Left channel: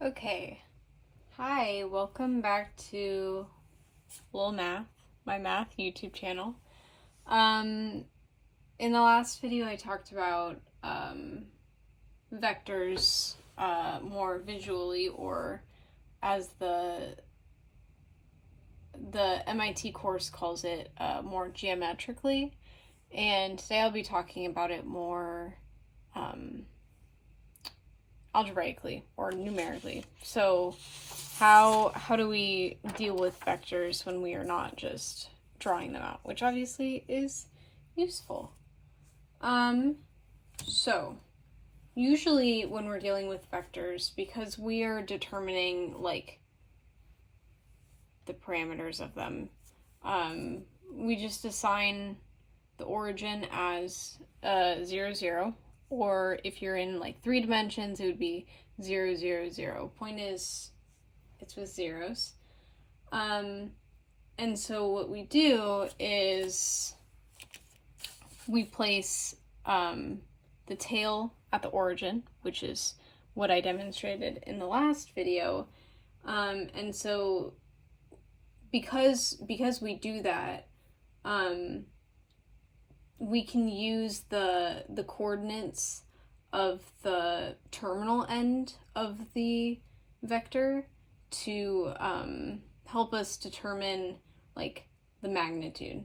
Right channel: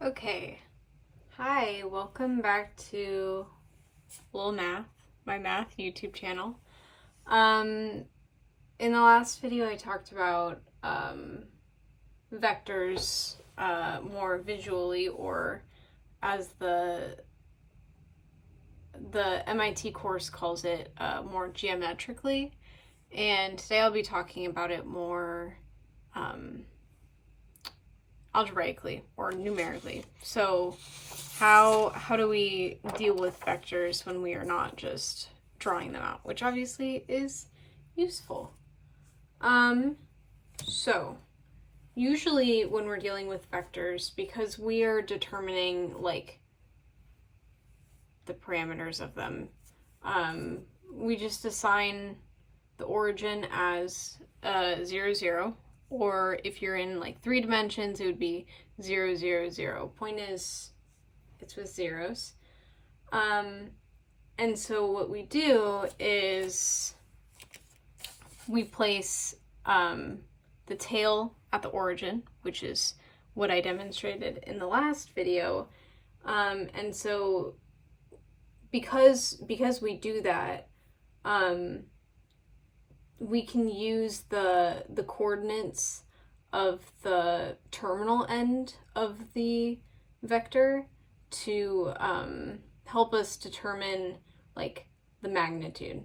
Okay, hi, welcome back to Lil Math, my math YouTube channel. In the last video I talked about vectors more visually, or as the MIT course calls it, more geometrically, and today I'll be talking about it more algebraically or numerically. So how do we deal with vectors when we are not just drawing them out, which obviously is useful. So usually when we're dealing with vectors, because we are determining like the parameters of them, we just assign the origin as 0, 0. Or if you're in like 3 dimensions, it would be 0, 0, 0. Point is, it's with zeros. And so what we do is we place the tail at the origin, which is what I demonstrated in the last video. And so because we do that, we can use the coordinates of the terminal end of the vector to help us determine like the magnitude.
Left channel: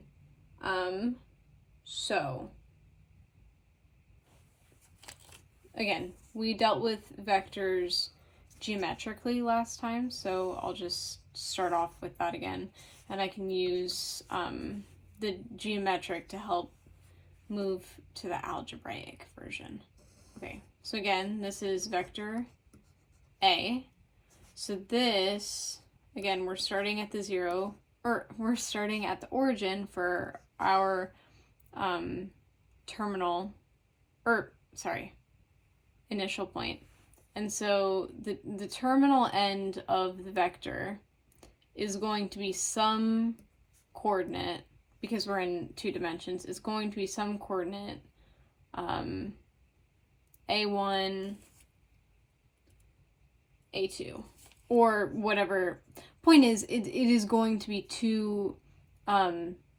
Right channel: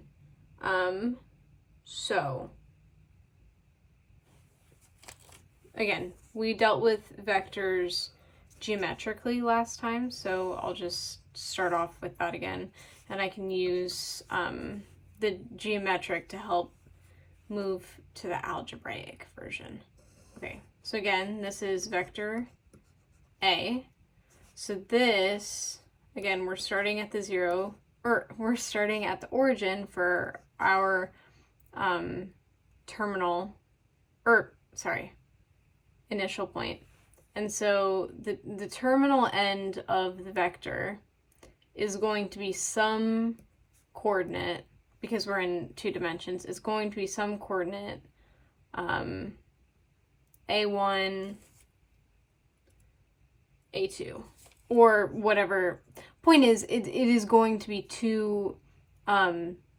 So again, we dealt with vectors geometrically last time, so I'll just start off with that again, and I can use the geometric to help move to the algebraic version. Okay, so again, this is vector A. So this, again, we're starting at the 0, or we're starting at the origin for our initial point. And so the terminal end of the vector is going to be some coordinate, because we're in 2 dimensions, is going to be some coordinate A1, A2, or whatever. Point is, it is going to be 2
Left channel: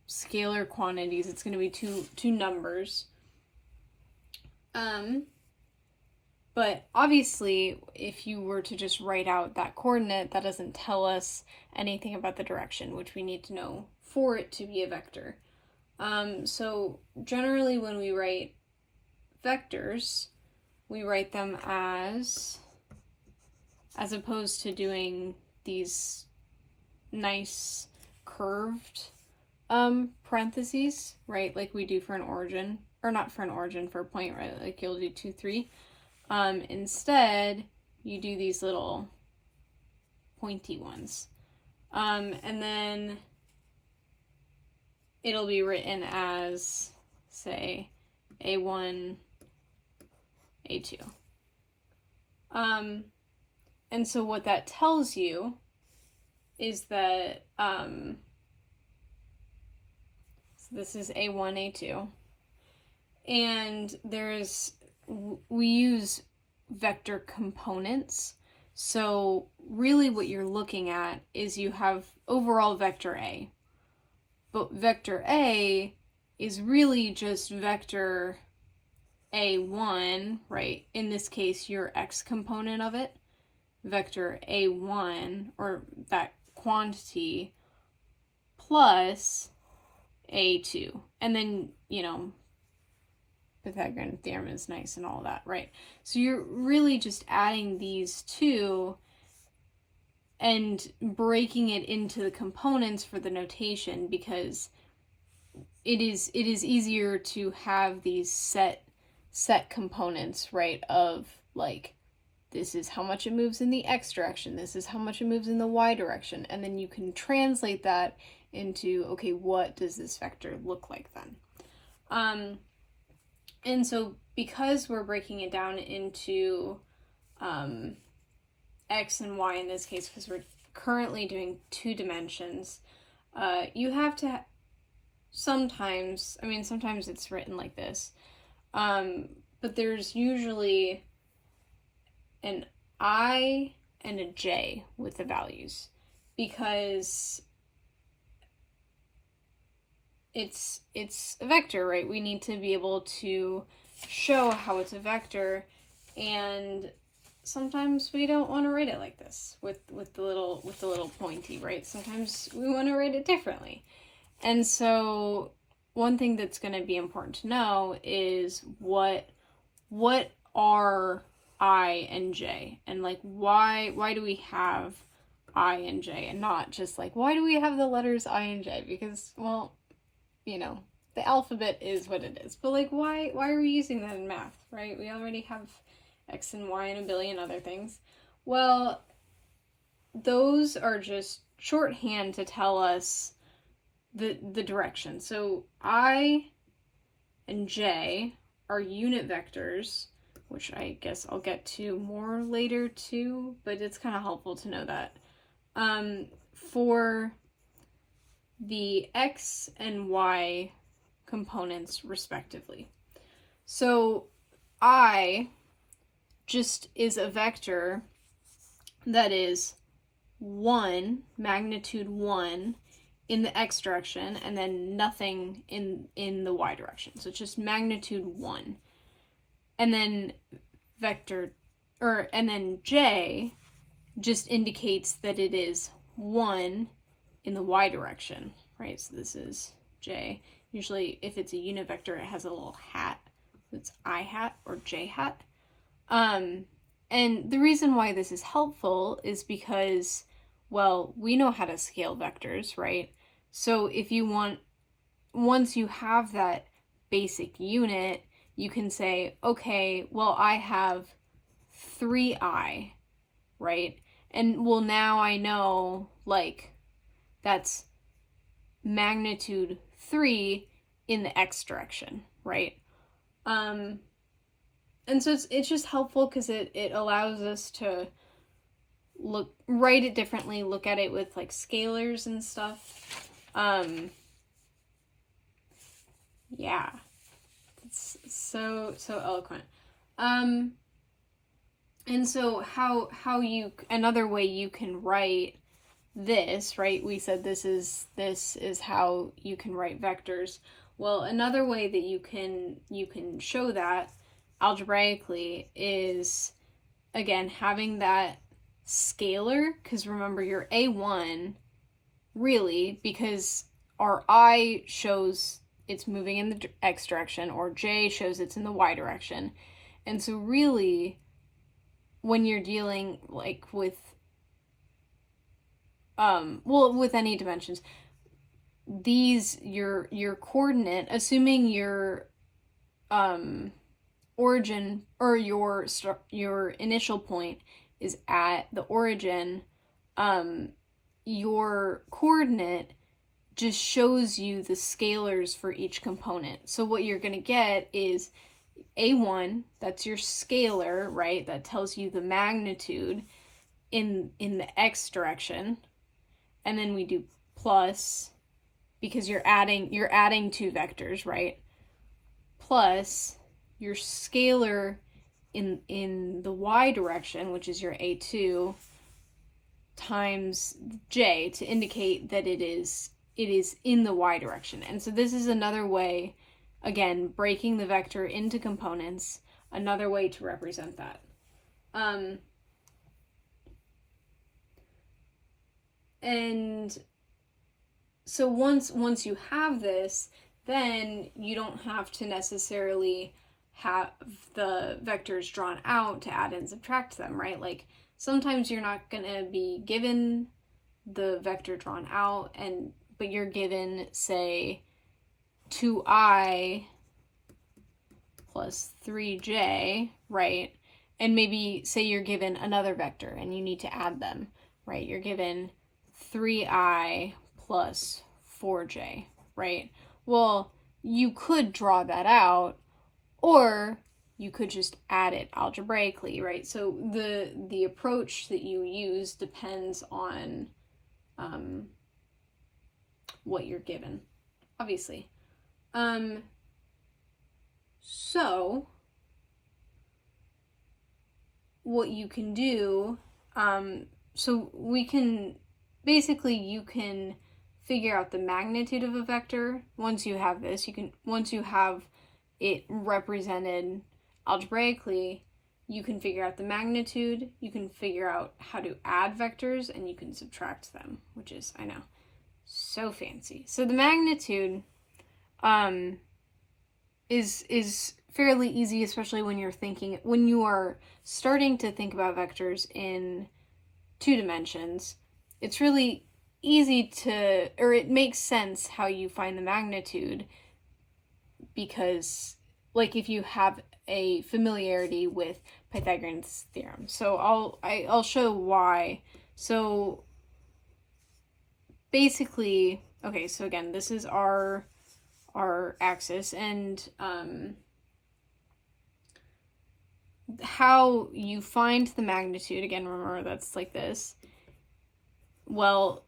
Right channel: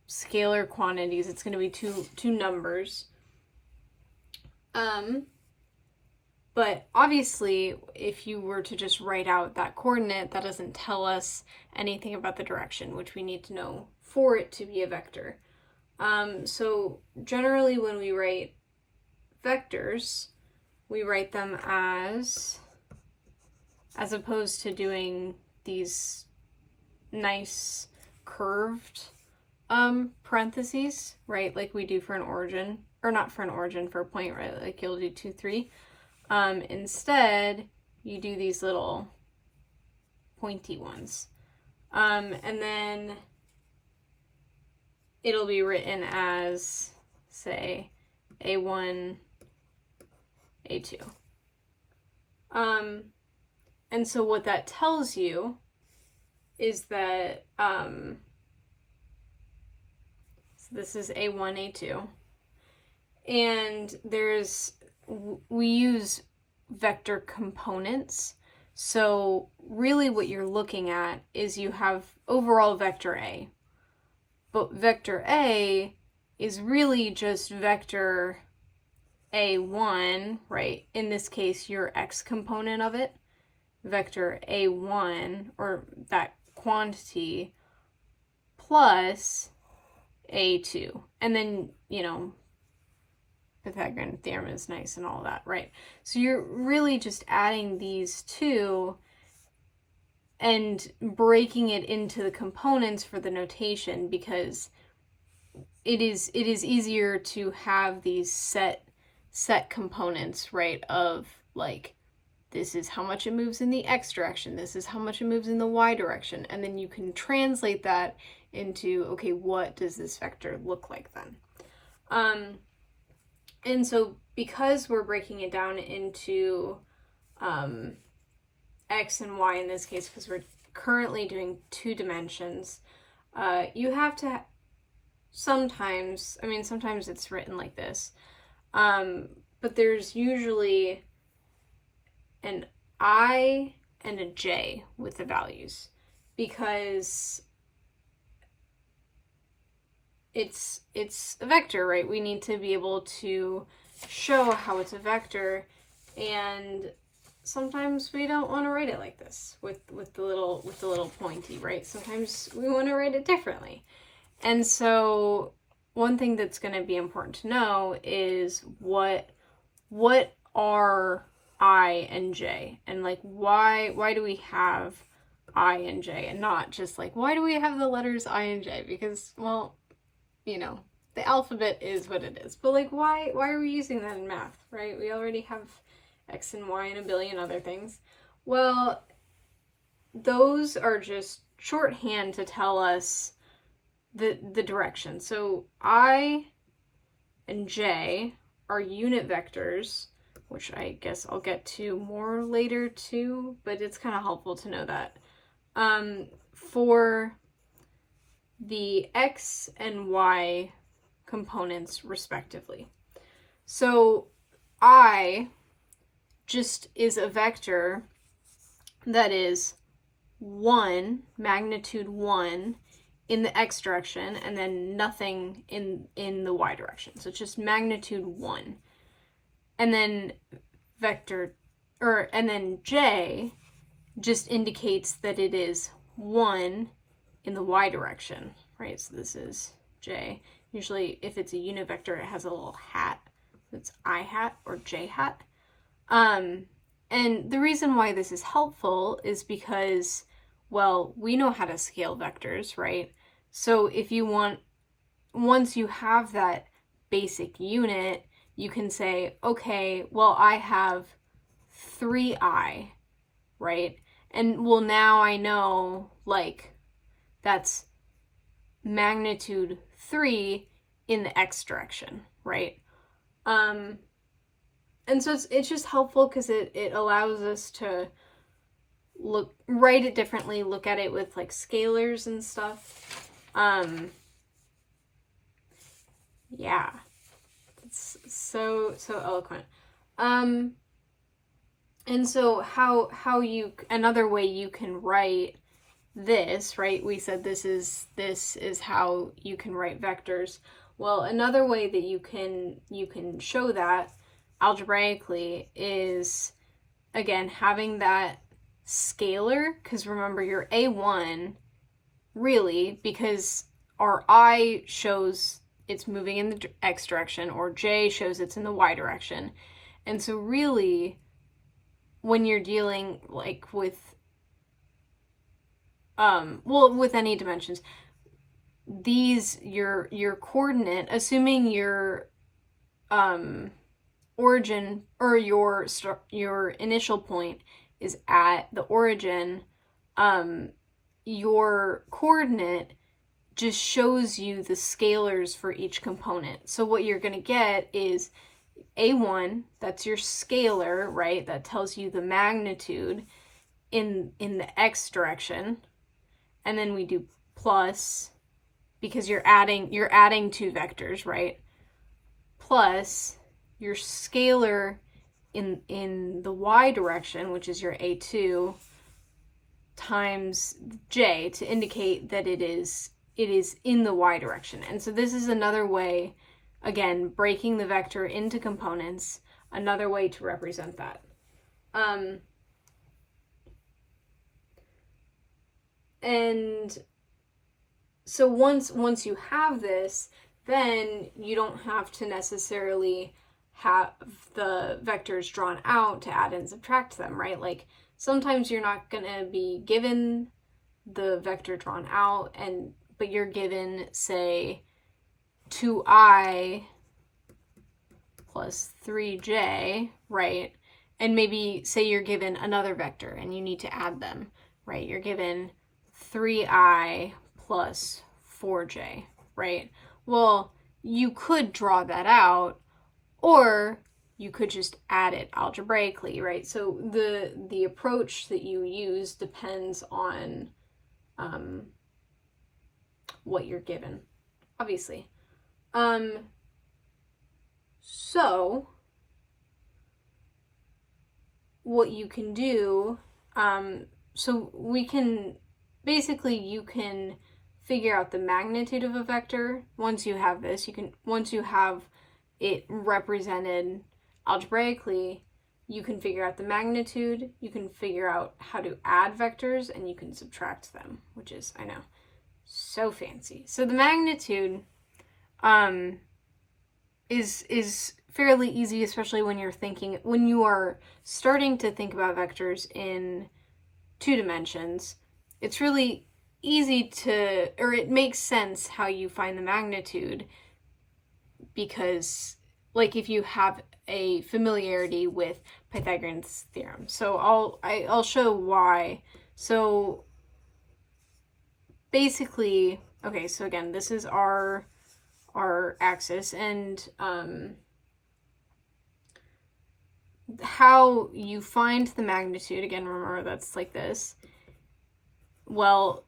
scalar quantities. It's going to be two numbers. But obviously, if you were to just write out that coordinate, that doesn't tell us anything about the direction, which we need to know for it to be a vector. So generally when we write vectors, we write them as opposed to doing these nice curved parentheses, right, like we do for an origin, or not for an origin, for a point, right, like you'll do 2, 3. Instead, you do these little pointy ones. And then it'll be written as, say, A1, A2. And so what that tells you is that, so this is A1, A2. And we use vector components. So really what you're looking at is you have overall vector A. But vector A is really just vector A1, right? In this case, your x component of it. Vector A1, or that quantity, plus A2. And then, Pythagorean theorem is nice and all that, right? So you're really just adding these two and breaking it into the components for the notation, because it is easier to have these set components, right, of like, this is how much it moves in the x direction, this is how much it moves in the y direction, and then you can translate that into, okay, what does this vector look like then? And so because we're breaking it down into x and y in this case, because we're currently doing 2 dimensions, you have to sometimes it's written like this, but there's usually an I and a j with the values, because it's a vector, right? We need to be able to show how it's a vector, and sometimes we don't want to write it like this with the little pointy, right? Sometimes we want to write it differently. And so one thing that's going to be important to know is what are I and j, and like why do we have I and j, and not just like why do we have the letters I and j, because, well, you know, the alphabet is what it is, but like why are we using that in math, right? We already have x and y and a billion other things. Well, those are just shorthand to tell us the direction. So I and j are unit vectors, which I guess I'll get to more later too, but it's kind of helpful to know that. For the x and y components respectively. So I just is a vector that is 1, magnitude 1 in the x direction, and then nothing in the y direction. So it's just magnitude 1. And then and then j just indicates that it is 1 in the y direction, right? So this is j. Usually if it's a unit vector, it has a little hat. It's I hat or j hat. And the reason why this is helpful is because, well, we know how to scale vectors, right? So if you want, once you have that basic unit, you can say, okay, well, I have 3i, right? And well, now I know, like, that's magnitude 3 in the x direction, right? And so it's just helpful because it allows us to write it differently, look at it with like scalars and stuff. Yeah, it's so eloquent. And so how you, another way you can write this, right? We said this is how you can write vectors. Well, another way that you can show that algebraically is, again, having that scalar, because remember your a1 really, because our I shows it's moving in the x direction, or j shows it's in the y direction. And so really, when you're dealing like with with any dimensions, these your coordinate, assuming your origin or your initial point is at the origin, your coordinate just shows you the scalars for each component. So what you're going to get is a1, that's your scalar, right? That tells you the magnitude in the x direction. And then we do plus, because you're adding two vectors, right? Plus your scalar in the y direction, which is your a2, times j to indicate that it is in the y direction. And so this is another way, again, breaking the vector into components, another way to represent that. And so once you have this, then you don't have to necessarily have the vectors drawn out to add and subtract them, right? Like sometimes you're not going to be given the vector drawn out, but you're given, say, 2i plus 3j, right? And maybe say you're given another vector and you need to add them, right? You're given 3i plus 4j, right? Well, you could draw that out, or you could just add it algebraically, right? So the approach that you use depends on what you're given, obviously. So what you can do So we can, basically you can figure out the magnitude of a vector. Once you have this, once you have it represented algebraically, you can figure out the magnitude, you can figure out how to add vectors, and you can subtract them, which is, I know, so fancy. So the magnitude is fairly easy, especially when you are starting to think about vectors in 2 dimensions. It's really easy or it makes sense how you find the magnitude, because like if you have a familiarity with Pythagorean's theorem. So I'll show why. So basically, okay, so again, this is our axis, and how you find the magnitude, again, remember that's like this. Well,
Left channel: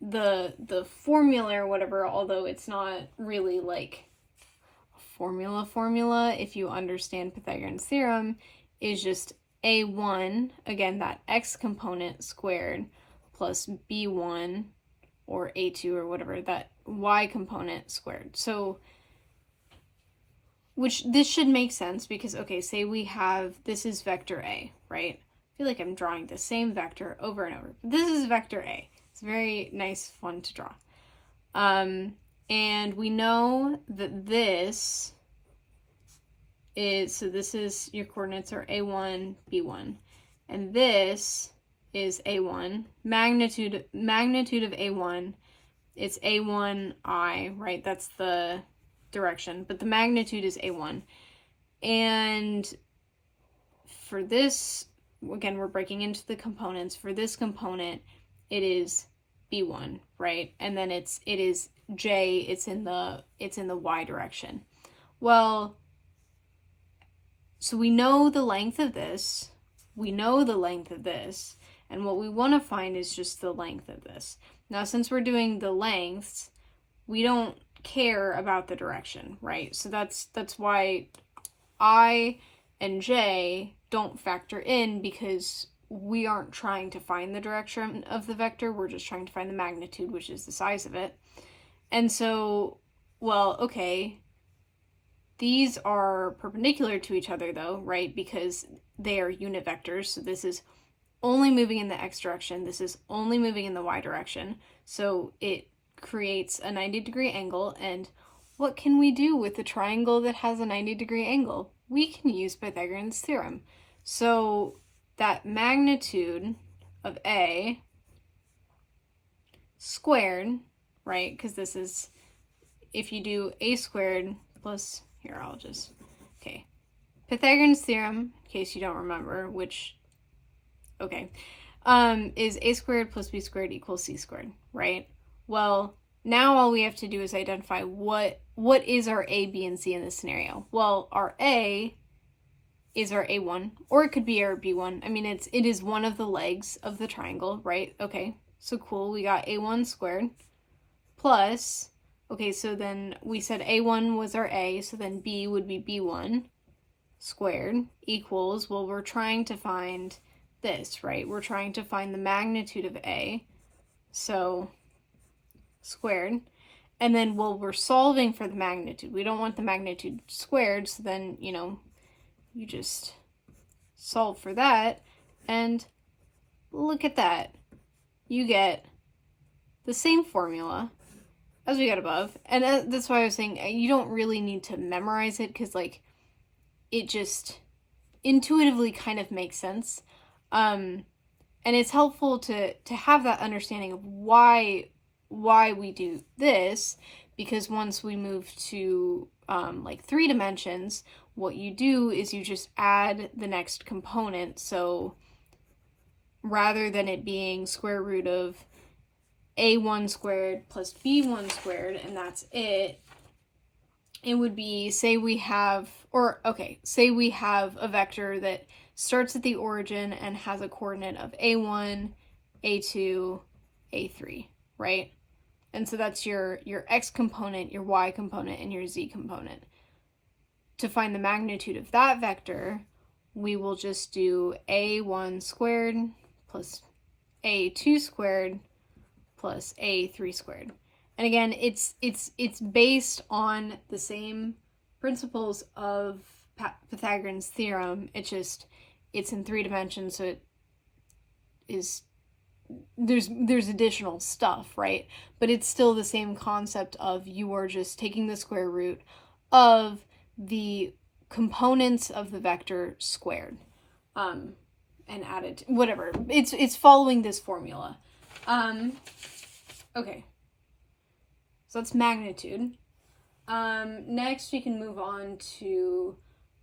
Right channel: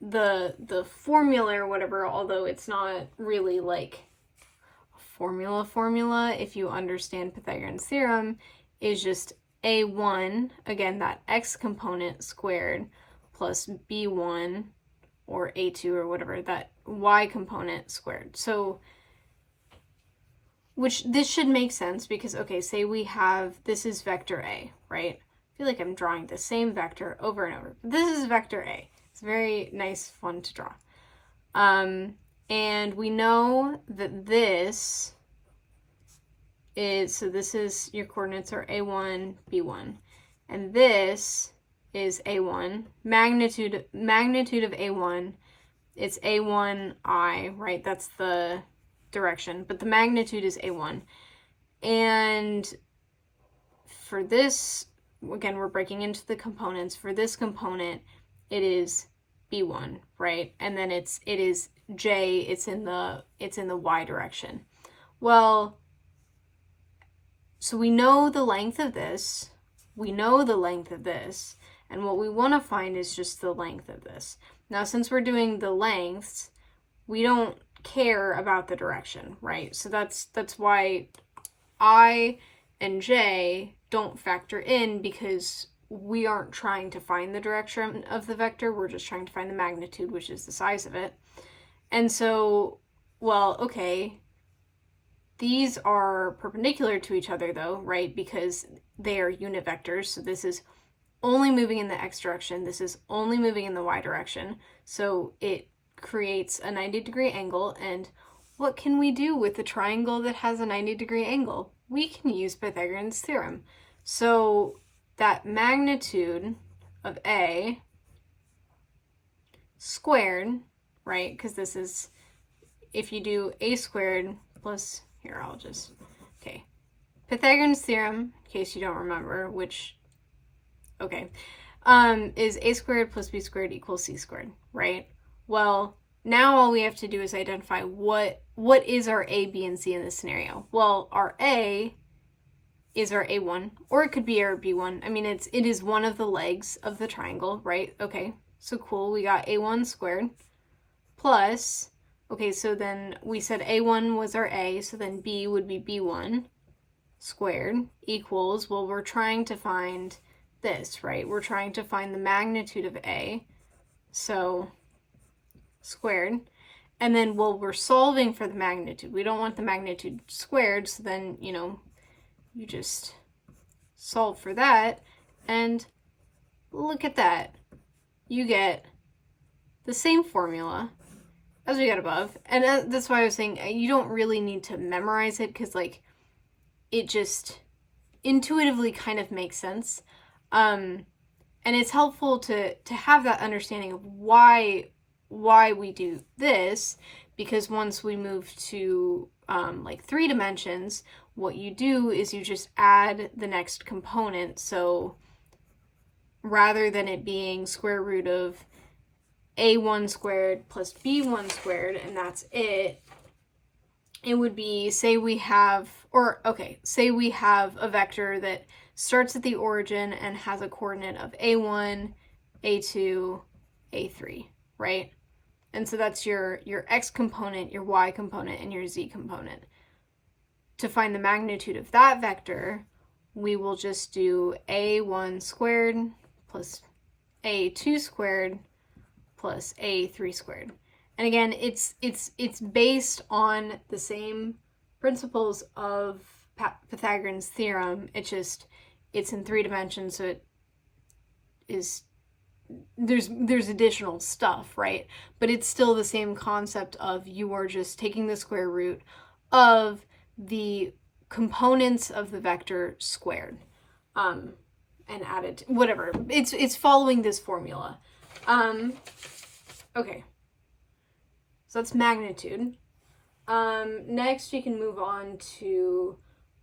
the formula or whatever, although it's not really like formula if you understand Pythagorean's theorem, is just a1, again, that x component squared, plus b1 or a2 or whatever, that y component squared. So which this should make sense because, okay, say we have, this is vector A, right? I feel like I'm drawing the same vector over and over. This is vector A. It's very nice, fun to draw. And we know that this is, so this is, your coordinates are A1, B1. And this is A1. Magnitude of A1, it's A1I, right? That's the direction, but the magnitude is A1. And for this, again, we're breaking into the components. For this component, it is B1, right? And then it is J, it's in the Y direction. Well, so we know the length of this, and what we want to find is just the length of this. Now, since we're doing the lengths, we don't care about the direction, right? So that's why I and J don't factor in, because we aren't trying to find the direction of the vector, we're just trying to find the magnitude, which is the size of it. And so, well, okay, these are perpendicular to each other though, right? Because they are unit vectors, so this is only moving in the x direction, this is only moving in the y direction, so it creates a 90-degree angle. And what can we do with a triangle that has a 90-degree angle? We can use Pythagorean's theorem. So that magnitude of A squared, right, because this is, if you do A squared plus, here, I'll just, okay, Pythagorean's theorem, in case you don't remember, which, okay, is A squared plus B squared equals C squared, right? Well, now all we have to do is identify what is our A, B, and C in this scenario. Well, our A is our A1, or it could be our B1. I mean, it is one of the legs of the triangle, right? Okay, so cool, we got A1 squared plus, okay, so then we said A1 was our A, so then B would be B1 squared equals, well, we're trying to find this, right? We're trying to find the magnitude of A, so squared. And then, well, we're solving for the magnitude. We don't want the magnitude squared, so then, you just solve for that, and look at that. You get the same formula as we got above. And that's why I was saying you don't really need to memorize it, because, like, it just intuitively kind of makes sense. And it's helpful to have that understanding of why we do this, because once we move to like 3 dimensions, what you do is you just add the next component. So rather than it being square root of A1 squared plus B1 squared, and that's it would be, say we have a vector that starts at the origin and has a coordinate of A1, A2, A3, right? And so that's your x component, your y component, and your z component. To find the magnitude of that vector, we will just do a1 squared plus a2 squared plus a3 squared. And again, it's based on the same principles of Pythagorean's theorem. It's in 3 dimensions, so it is there's additional stuff, right? But it's still the same concept of you are just taking the square root of the components of the vector squared, and added whatever. It's following this formula. Okay. So that's magnitude. Next we can move on to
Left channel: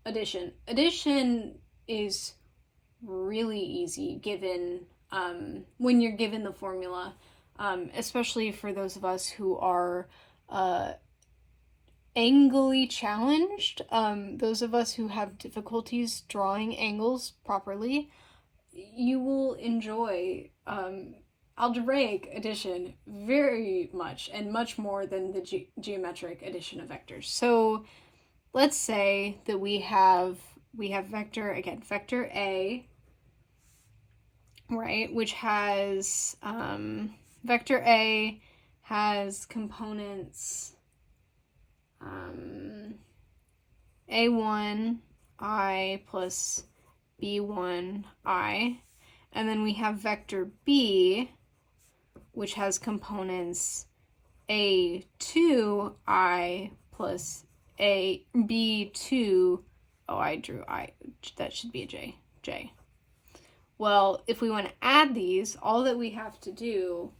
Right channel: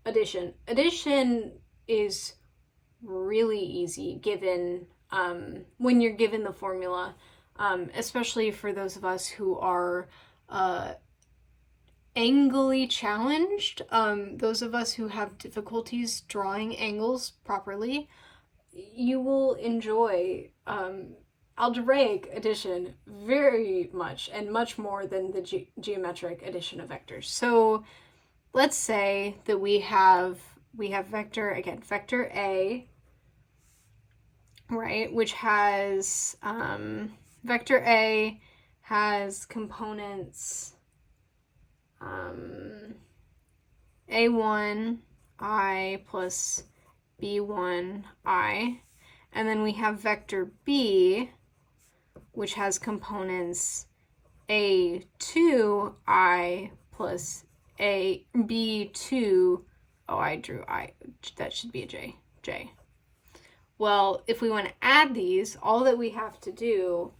addition. Addition is really easy given when you're given the formula, especially for those of us who are angly challenged, those of us who have difficulties drawing angles properly. You will enjoy algebraic addition very much, and much more than the geometric addition of vectors. So let's say that we have vector A, right, which has vector A has components a1 I plus b1 I, and then we have vector B, which has components a2 I plus a b2. Oh, I drew I. That should be a J. Well, if we want to add these, all that we have to do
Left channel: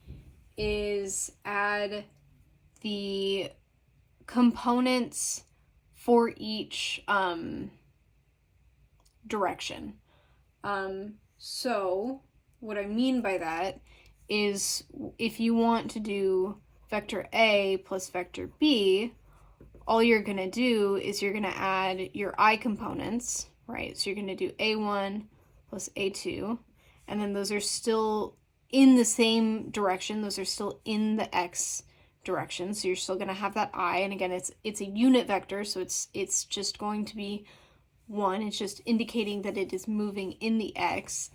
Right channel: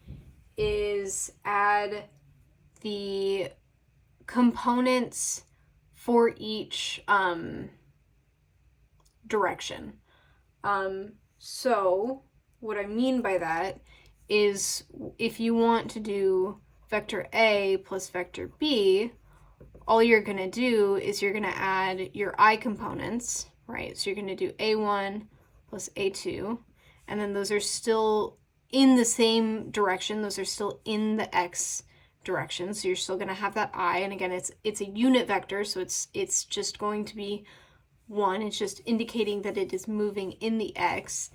is add the components for each direction. So what I mean by that is if you want to do vector A plus vector B, all you're going to do is you're going to add your I components, right? So you're going to do A1 plus A2, and then those are still in the same direction. Those are still in the X direction, so you're still going to have that I, and again, it's a unit vector, so it's just going to be 1. It's just indicating that it is moving in the X,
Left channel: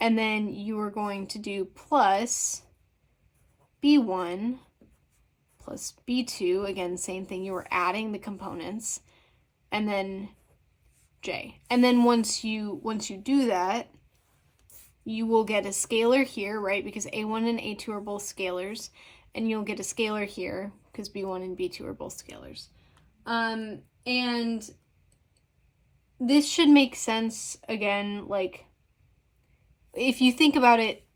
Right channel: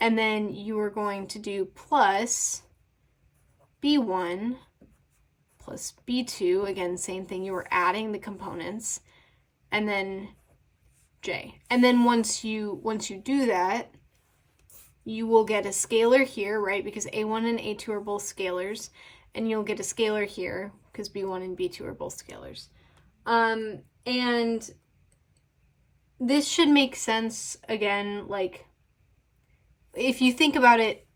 and then you are going to do plus B1 plus B2, again, same thing, you were adding the components, and then J. And then once you do that, you will get a scalar here, right, because A1 and A2 are both scalars, and you'll get a scalar here because B1 and B2 are both scalars. And this should make sense, again, like, if you think about it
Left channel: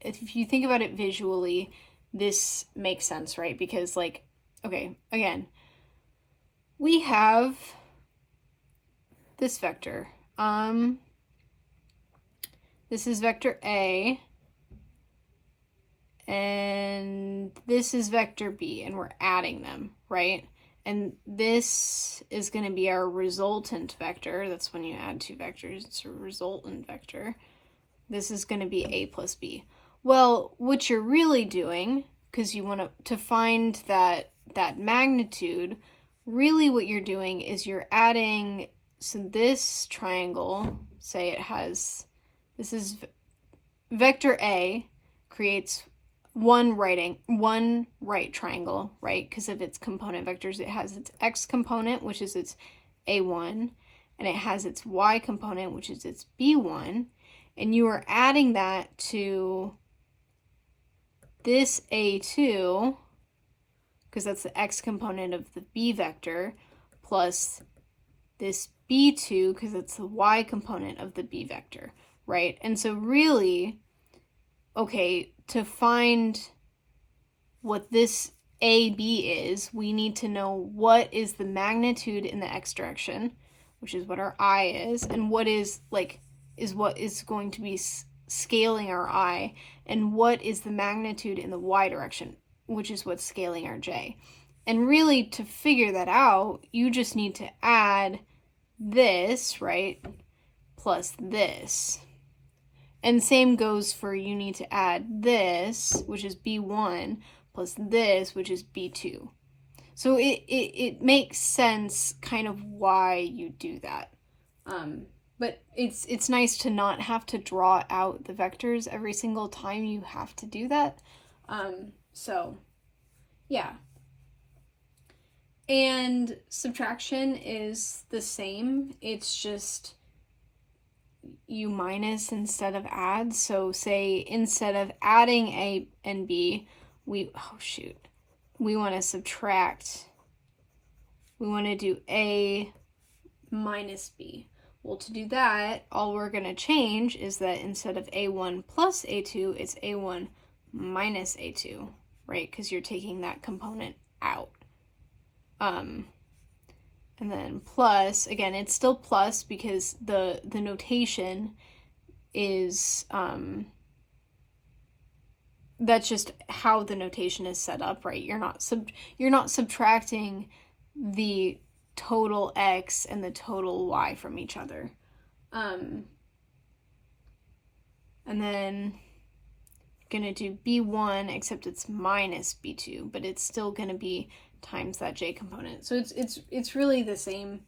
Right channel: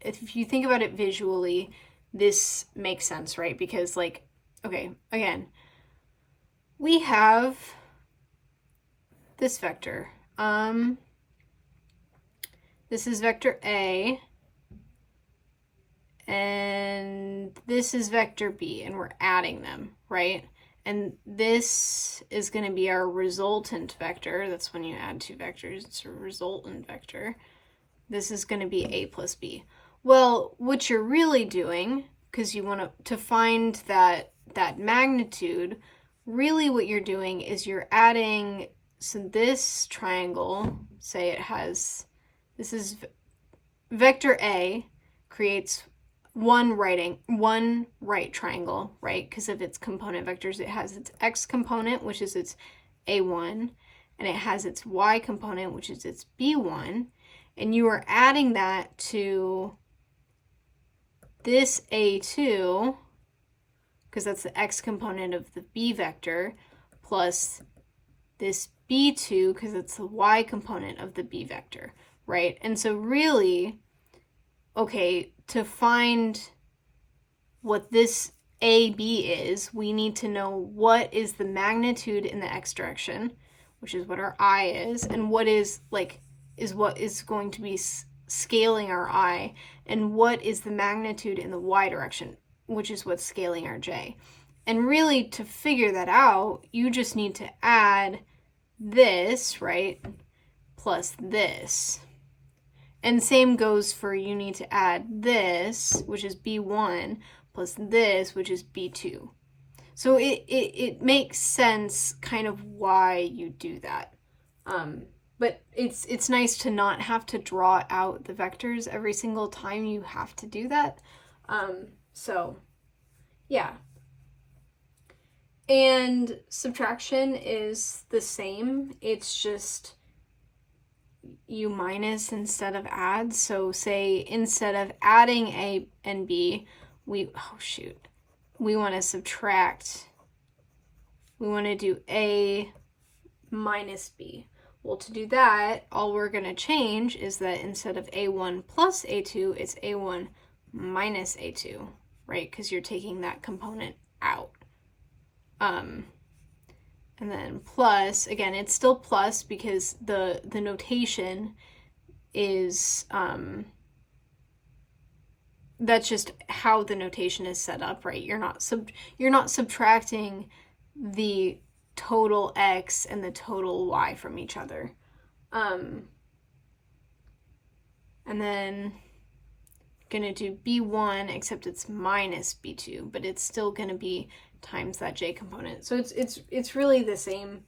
visually, this makes sense, right? Because, like, okay, again, we have this vector. This is vector A, and this is vector B, and we're adding them, right? And this is going to be our resultant vector. That's when you add 2 vectors. It's a resultant vector. This is going to be A plus B. Well, what you're really doing, because you want to find that magnitude, really what you're doing is you're adding, so this triangle, say it has, this is vector A creates one right triangle, right? Because of its component vectors, it has its X component, which is its A1, and it has its Y component, which is its B1, and you are adding that to this A2, because that's the X component of the B vector, plus this B2, because it's the Y component of the B vector, right? And so really, okay, to find what this AB is, we need to know what is the magnitude in the X direction, which is what our I is, and what is what is going to be scaling our I, and what is the magnitude in the Y direction, which is what's scaling our J. And really, to figure that out, you just need to add this, right, plus this. And same goes for, you need to add this, which is B1, plus this, which is B2. So it makes sense kind of why you do that. but it's nice to not have to draw out the vectors every single time you have to do that. So yeah. And subtraction is the same. It's just you minus instead of add. So say instead of adding A and B, we want to subtract. We want to do A minus B. Well, to do that, all we're going to change is that instead of A1 plus A2, it's A1 minus A2, right? Because you're taking that component out. And then plus, again, it's still plus because the notation is, that's just how the notation is set up, right? You're not subtracting the total x and the total y from each other. And then gonna do b1, except it's minus b2, but it's still gonna be times that j component. So it's really the same.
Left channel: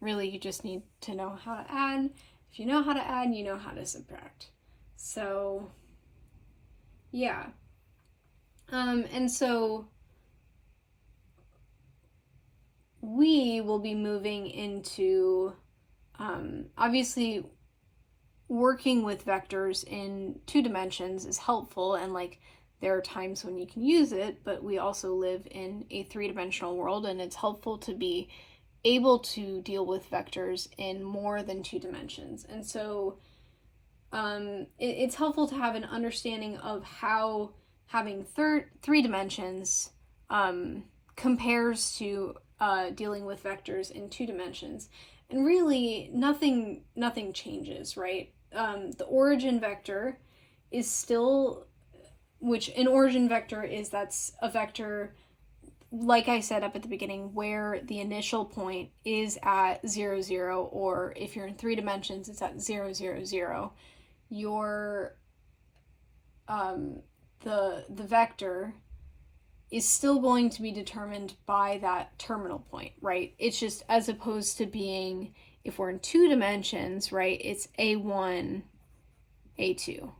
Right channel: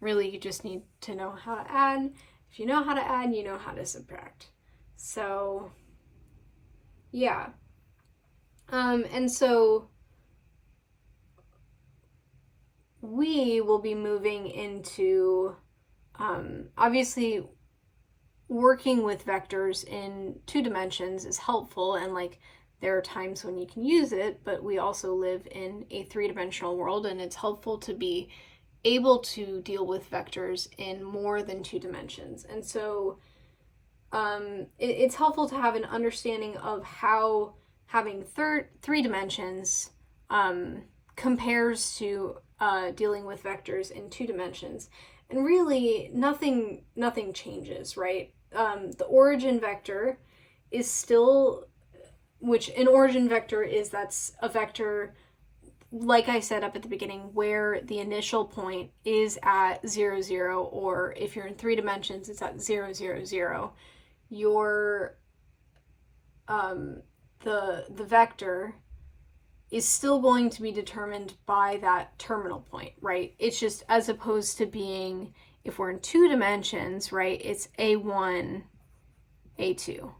Really, you just need to know how to add. If you know how to add, you know how to subtract. So yeah. And so we will be moving into obviously working with vectors in 2 dimensions is helpful, and like there are times when you can use it, but we also live in a 3-dimensional world, and it's helpful to be able to deal with vectors in more than 2 dimensions. And so it's helpful to have an understanding of how having 3 dimensions compares to dealing with vectors in 2 dimensions. And really, nothing changes, right? The origin vector is still, which an origin vector is, that's a vector, like I said up at the beginning, where the initial point is at 0, 0, or if you're in 3 dimensions, it's at 0, 0, 0. Your the vector is still going to be determined by that terminal point, right? It's just, as opposed to being, if we're in 2 dimensions, right, it's A1, A2.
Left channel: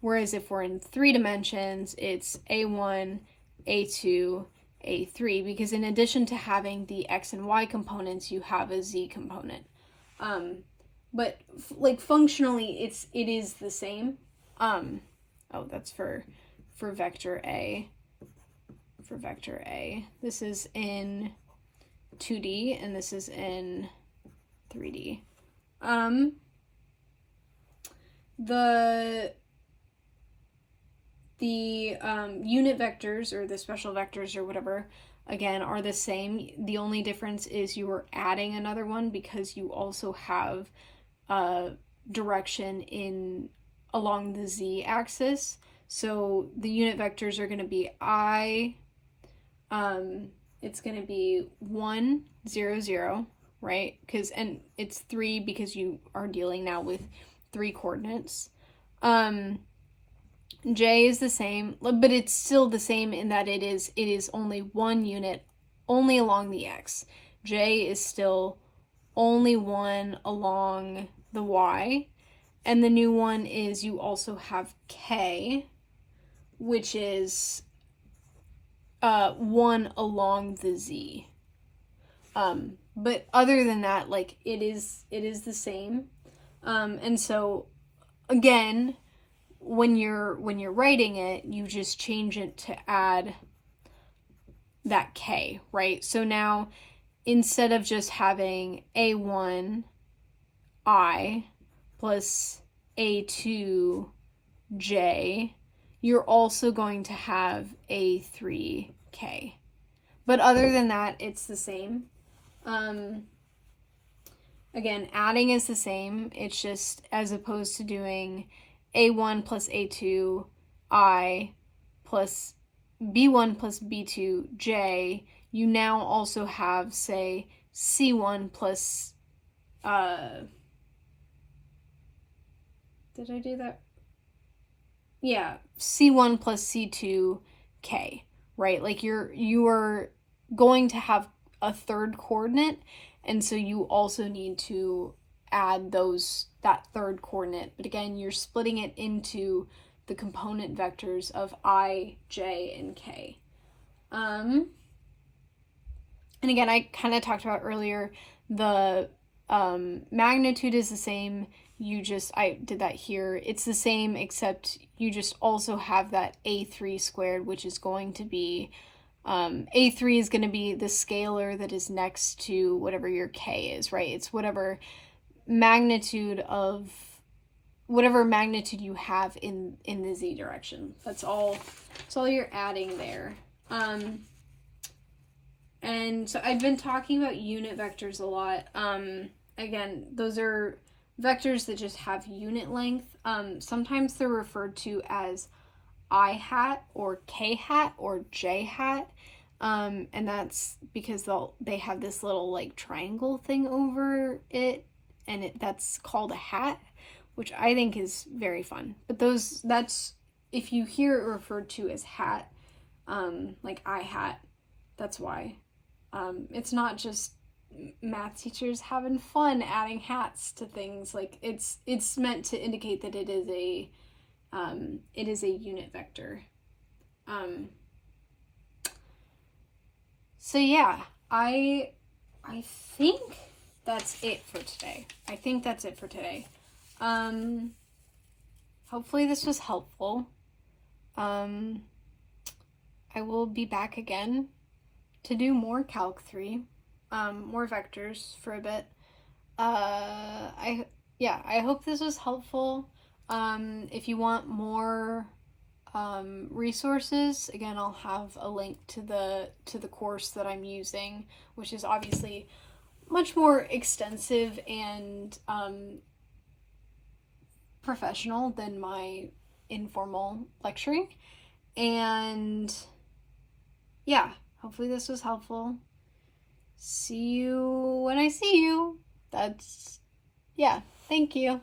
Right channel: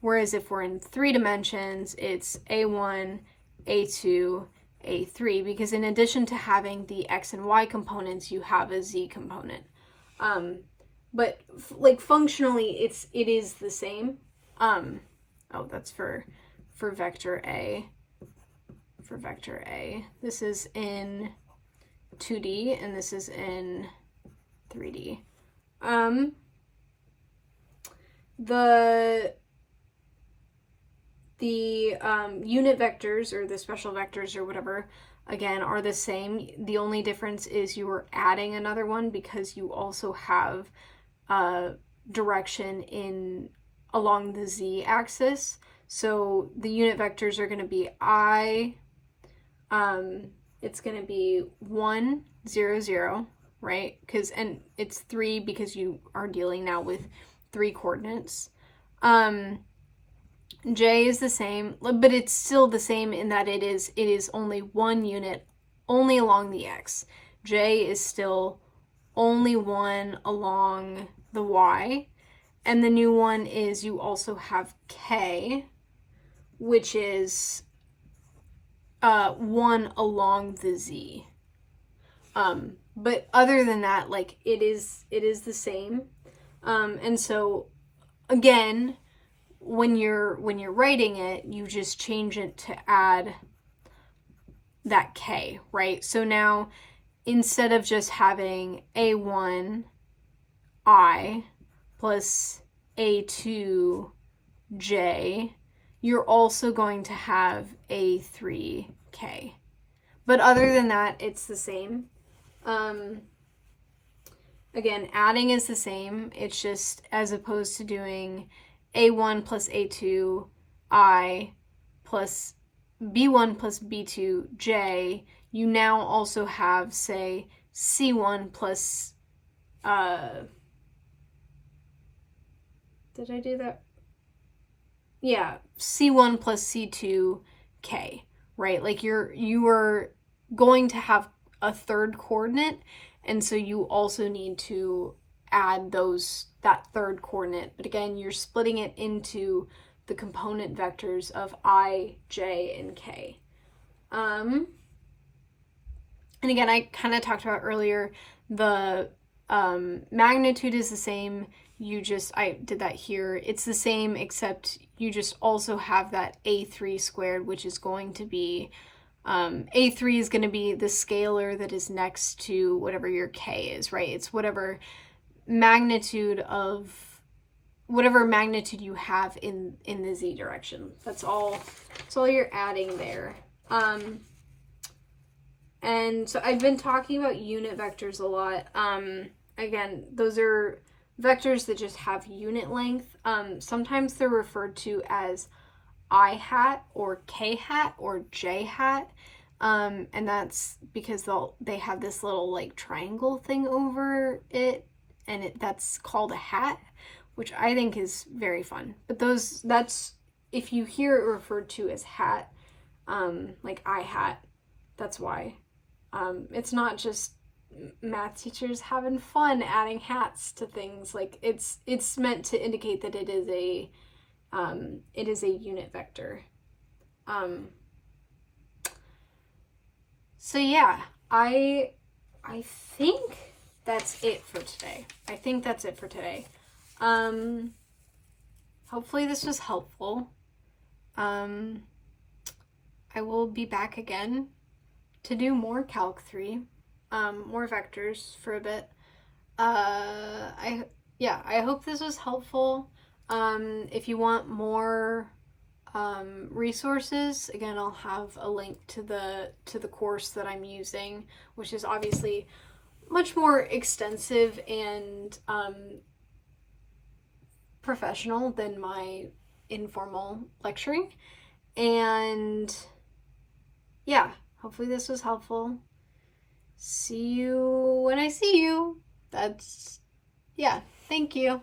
Whereas if we're in 3 dimensions, it's A1, A2, A3, because in addition to having the X and Y components, you have a Z component. But like functionally, it is the same. Oh, that's for vector A. For vector A, this is in 2D and this is in 3D. The unit vectors, or the special vectors, or whatever, again, are the same. The only difference is you are adding another one because you also have direction along the z-axis. So the unit vectors are going to be it's going to be 1, 0, 0, right? And it's 3 because you are dealing now with 3 coordinates. J is the same, but it's still the same in that it is only 1 unit, only along the x. J is still only 1 along the y. And the new one is you also have k, which is 1 along the z. But other than that, like it is the same. And so again, when you're writing it, you just change it to add that k, right? So now instead of just having A1 I plus A2 J, you're also going to have A3K. But other than that, it's the same. Again, adding is the same. It's just, as opposed to doing A1 plus A2 I plus B1 plus B2 J, you now also have, say, C1 plus, did I do that? Yeah, C1 plus C2 K, right? Like you are going to have a third coordinate, and so you also need to add that third coordinate. But again, you're splitting it into the component vectors of I, j, and k. And again, I kind of talked about earlier, the magnitude is the same. I did that here. It's the same, except you just also have that a3 squared, which is going to be, a3 is going to be the scalar that is next to whatever your k is, right? It's whatever magnitude you have in the z direction. That's all you're adding there. And so I've been talking about unit vectors a lot. Again, those are vectors that just have unit length. Sometimes they're referred to as I hat or k hat or j hat. And that's because they have this little like triangle thing over it, and that's called a hat, which I think is very fun. But that's if you hear it referred to as hat, like I hat, that's why. It's not just math teachers having fun adding hats to things. Like it's meant to indicate that it is a unit vector. So yeah, I think that's it for today. Hopefully this was helpful. I will be back again to do more Calc 3, more vectors for a bit. I hope this was helpful. If you want more resources, again, I'll have a link to the course that I'm using, which is obviously much more extensive and professional than my informal lecturing. And yeah, hopefully this was helpful. See you when I see you. Thank you.